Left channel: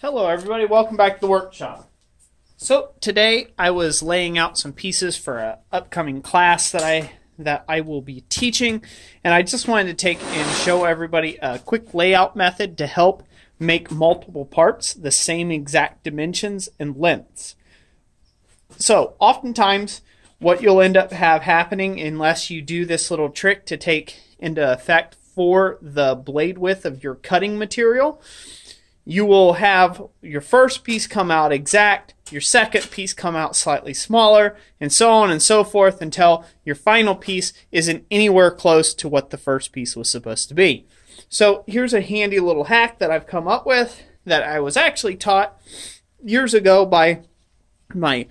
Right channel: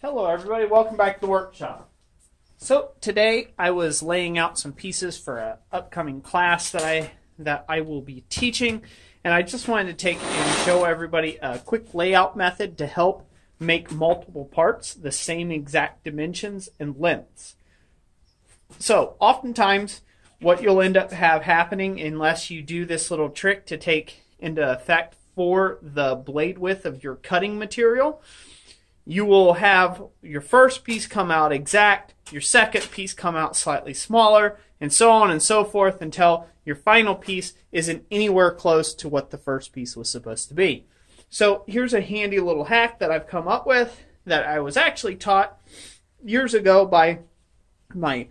Hello everybody, welcome back to the workshop. So today I was laying out some pieces for an upcoming class that I will be teaching, and I just wanted to take and show everybody a quick layout method to help make multiple parts the same exact dimensions and lengths. So oftentimes what you'll end up happening, unless you do this little trick to take into effect for the blade width of your cutting material, you will have your first piece come out exact, your second piece come out slightly smaller, and so on and so forth until your final piece isn't anywhere close to what the first piece was supposed to be. So here's a handy little hack that I've come up with that I was actually taught years ago by my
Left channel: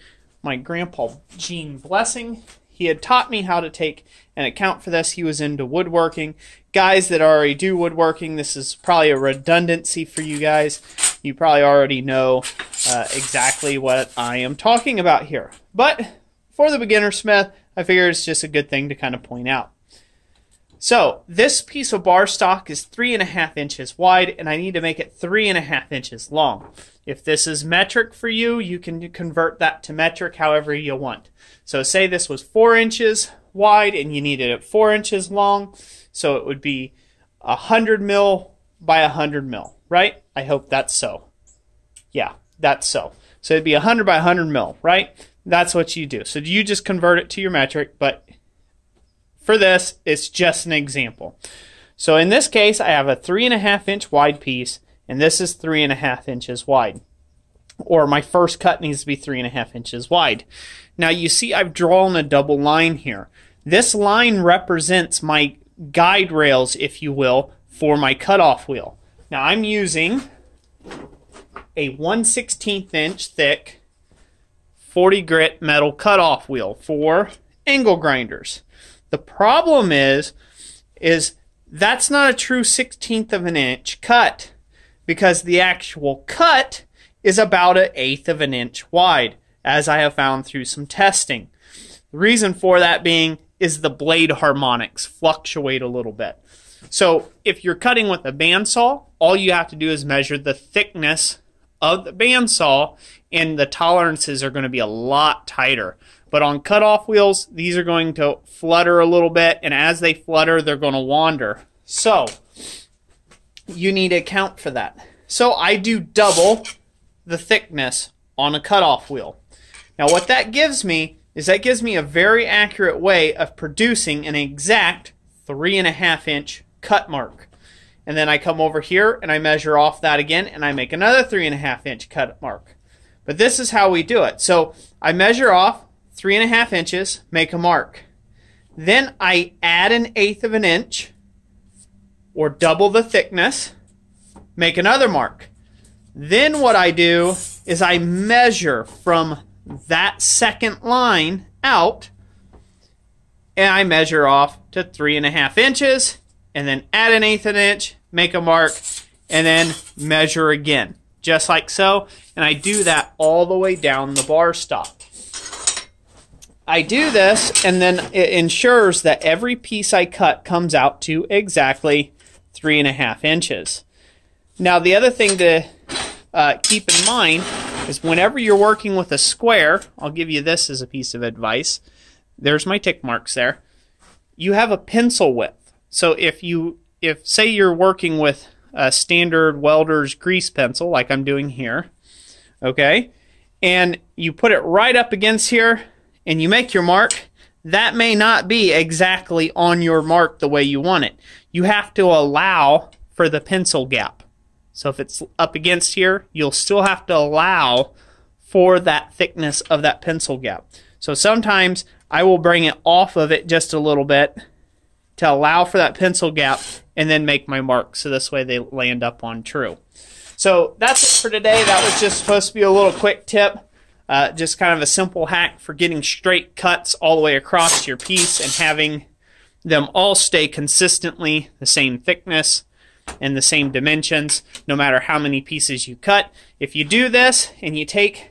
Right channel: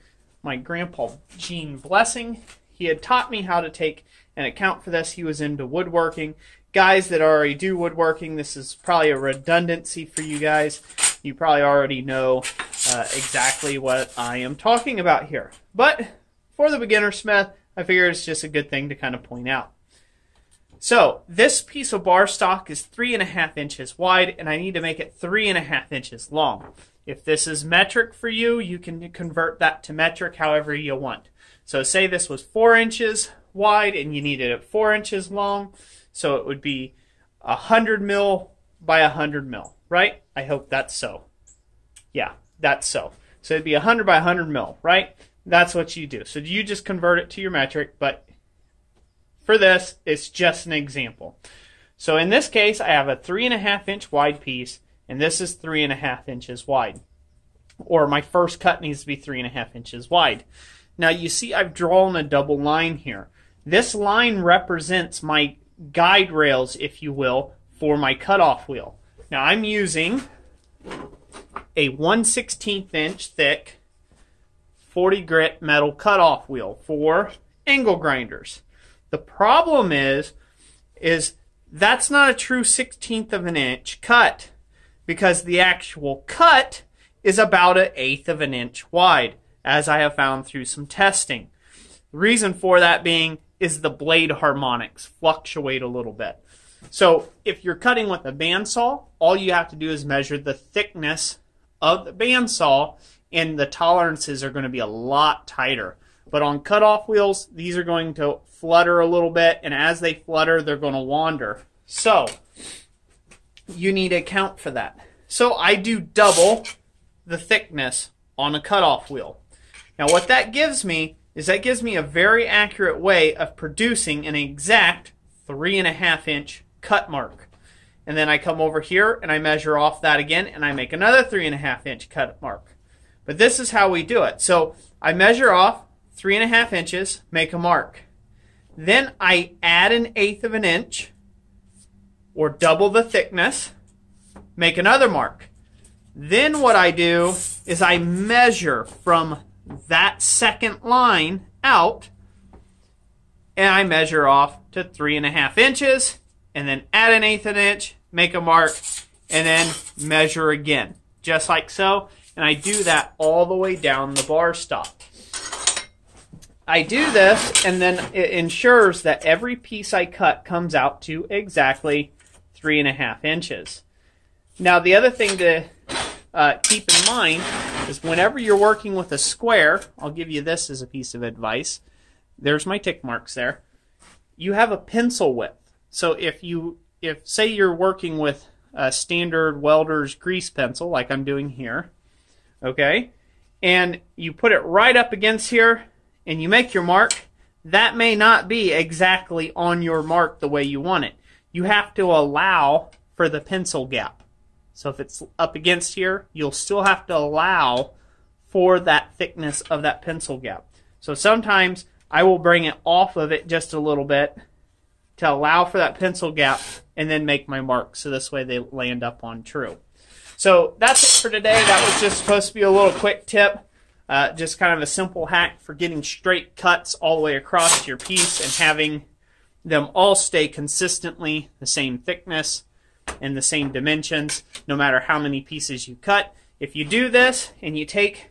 grandpa Gene Blessing. He had taught me how to take and account for this. He was into woodworking. Guys that already do woodworking, this is probably a redundancy for you guys. You probably already know exactly what I am talking about here. But for the beginner smith, I figure it's just a good thing to kind of point out. So this piece of bar stock is 3.5 inches wide, and I need to make it 3.5 inches long. If this is metric for you, you can convert that to metric however you want. So say this was 4 inches wide and you needed it 4 inches long, so it would be 100 mil by 100 mil, right? I hope that's so. Yeah, that's so. So it'd be 100 by 100 mil, right? That's what you do. So you just convert it to your metric, but for this, it's just an example. So in this case, I have a 3.5 inch wide piece, and this is 3.5 inches wide. Or my first cut needs to be 3.5 inches wide. Now you see I've drawn a double line here. This line represents my guide rails, if you will, for my cutoff wheel. Now I'm using a 1/16 inch thick 40 grit metal cutoff wheel for angle grinders. The problem is that's not a true 1/16 of an inch cut, because the actual cut is about 1/8 of an inch wide, as I have found through some testing. The reason for that being is the blade harmonics fluctuate a little bit. So if you're cutting with a bandsaw, all you have to do is measure the thickness of the bandsaw, and the tolerances are going to be a lot tighter. But on cutoff wheels, these are going to flutter a little bit, and as they flutter, they're going to wander. So you need to account for that. So I do double the thickness on a cutoff wheel. Now what that gives me is that gives me a very accurate way of producing an exact 3.5 inch cut mark. And then I come over here and I measure off that again, and I make another 3.5 inch cut mark. But this is how we do it. So I measure off 3.5 inches, make a mark. Then I add 1/8 of an inch, or double the thickness, make another mark. Then what I do is I measure from that second line out, and I measure off to 3.5 inches, and then add 1/8 of an inch, make a mark, and then measure again, just like so. And I do that all the way down the bar stock. I do this, and then it ensures that every piece I cut comes out to exactly 3.5 inches. Now the other thing to keep in mind is whenever you're working with a square, I'll give you this as a piece of advice. There's my tick marks there. You have a pencil width. So if say you're working with a standard welder's grease pencil, like I'm doing here, okay, and you put it right up against here and you make your mark, that may not be exactly on your mark the way you want it. You have to allow for the pencil gap. So if it's up against here, you'll still have to allow for that thickness of that pencil gap. So sometimes I will bring it off of it just a little bit to allow for that pencil gap, and then make my mark, so this way they land up on true. So that's it for today. That was just supposed to be a little quick tip, just kind of a simple hack for getting straight cuts all the way across your piece and having them all stay consistently the same thickness and the same dimensions, no matter how many pieces you cut. If you do this and you take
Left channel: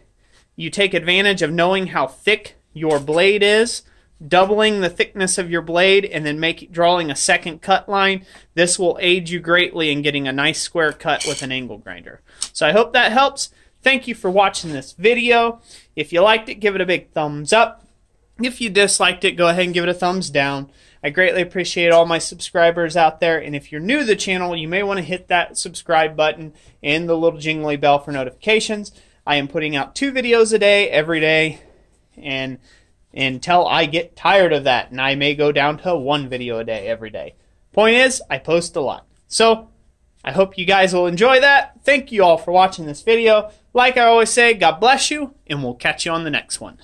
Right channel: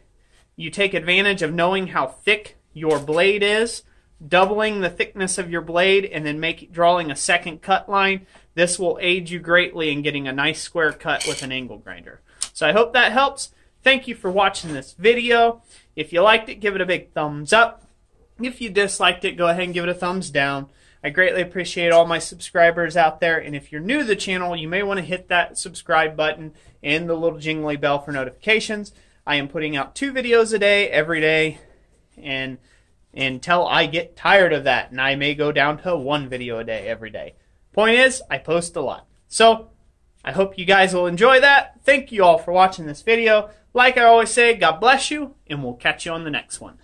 advantage of knowing how thick your blade is, doubling the thickness of your blade, and then drawing a second cut line, this will aid you greatly in getting a nice square cut with an angle grinder. So I hope that helps. Thank you for watching this video. If you liked it, give it a big thumbs up. If you disliked it, go ahead and give it a thumbs down. I greatly appreciate all my subscribers out there, and if you're new to the channel, you may want to hit that subscribe button and the little jingly bell for notifications. I am putting out 2 videos a day, every day, and until I get tired of that, and I may go down to 1 video a day every day. Point is, I post a lot. So, I hope you guys will enjoy that. Thank you all for watching this video. Like I always say, God bless you, and we'll catch you on the next one.